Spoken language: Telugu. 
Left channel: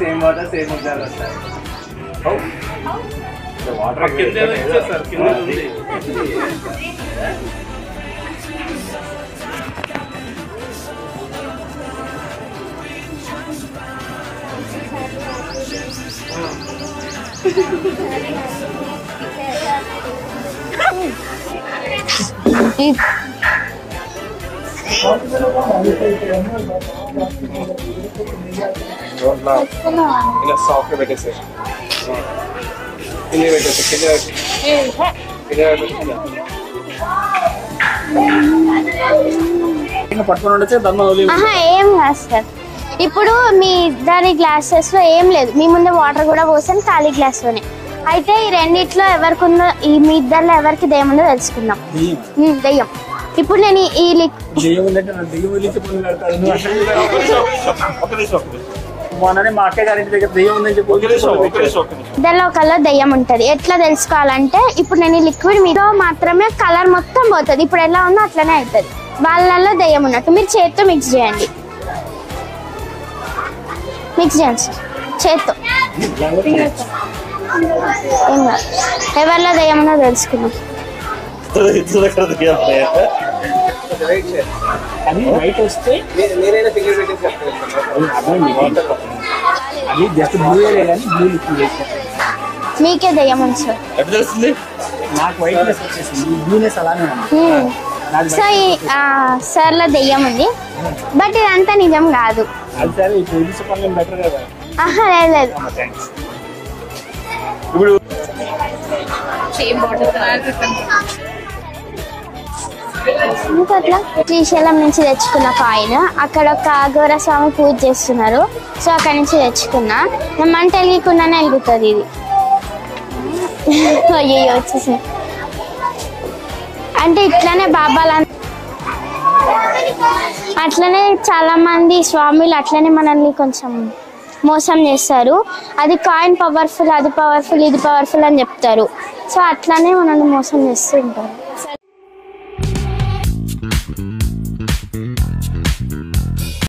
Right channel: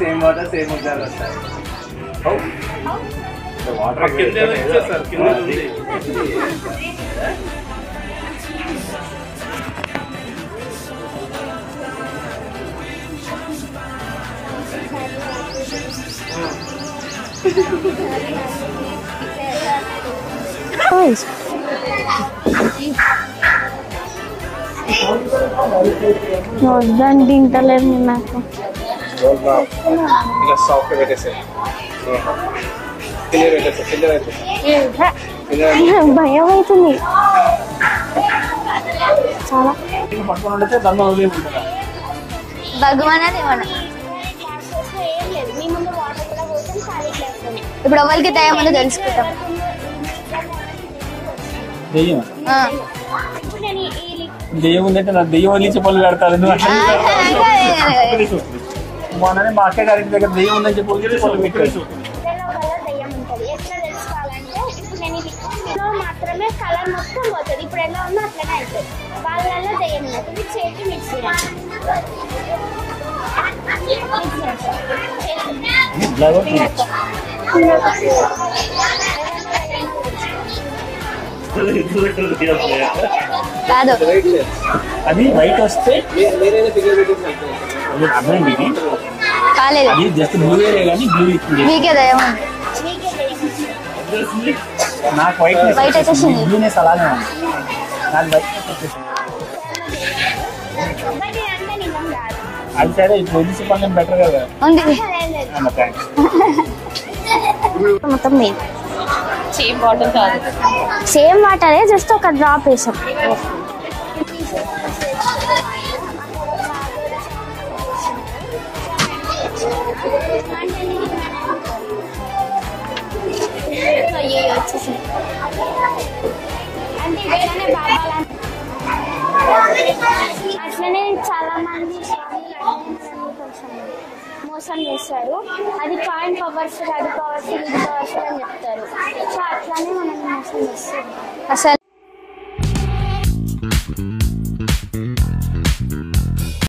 సేమ్ వాటర్ సేమ్ ఉద్యాలు వస్తాయి. వాటర్ వద్దని తింటలేదు నాకు. భయం అవుతుంది. ఏం కాదు సార్. ఇప్పుడు మీ ఇద్దరి గ్లాసెస్ లో ఏం లేదు, మీ ముందు వాటర్ కూడా పోసాను ఖాళీ గ్లాస్ లోనే. ఇప్పుడు రెండిట్లో ఎవరికున్న మీ ఇద్దరిలో ఎవరికి దెయ్యం ఉందో తెలుసుకుందాం. దెయ్యం ఇప్పుడు నేను ఈ మా అక్క గారి దగ్గర దెయ్యం ఉందని చెప్పి దానిలో ఒకళ్ళు దెయ్యం ఉంటది. ఎట్లా తెలుసుకోవాలంటే ఇప్పుడు నేను ఈ లిక్విడ్ మీద మాత్రమే కలర్ మొత్తం పోతుంది. ఇప్పుడు ఎలా ఉందో అట్లనే అవుతుంది. వాళ్ళల్లో దెయ్యం ఉన్నట్టు మీరు చేత్తో మిక్స్ చేయండి. మిక్స్ చేయండి సార్ చేత్తో. ఎవరిలో దెయ్యం ఉన్నదో తెలుసుకుందాం. అది బయట వస్తే మీకే దయ్యం ఉంది సార్. సార్లో దెయ్యం ఉంది, బట్ ఇదంతా నిజం కాదు. మొత్తం సేమ్ వాటరే, జస్ట్ ఒక డ్రాప్ వేసాం. ఇంకా అట్లా శ్రీశైలం నుంచి తెచ్చుకున్న కాయిన్. అక్కడ ఒక అఘోర స్వామి పూజ చేస్తున్నారు, సో అక్కడ నుంచి తెచ్చుకున్నా. మంట వెళ్ళకుండానే వెలుగుతుంది ఇది. అయ్యో వచ్చేసి అంటే ఇట్లానే బాబాల అట్లనే చాలా మంది స్వాములు అట్లనే మనల్ని కొంచెం మోసం చేస్తారు. అది కాయిన్ పవర్ఫుల్, అది పవర్ఫుల్, ఇది పవర్ఫుల్ అని చెప్తారు. సో అట్లానే మనల్ని మోసం చేస్తూ ఉంటారు. అసలు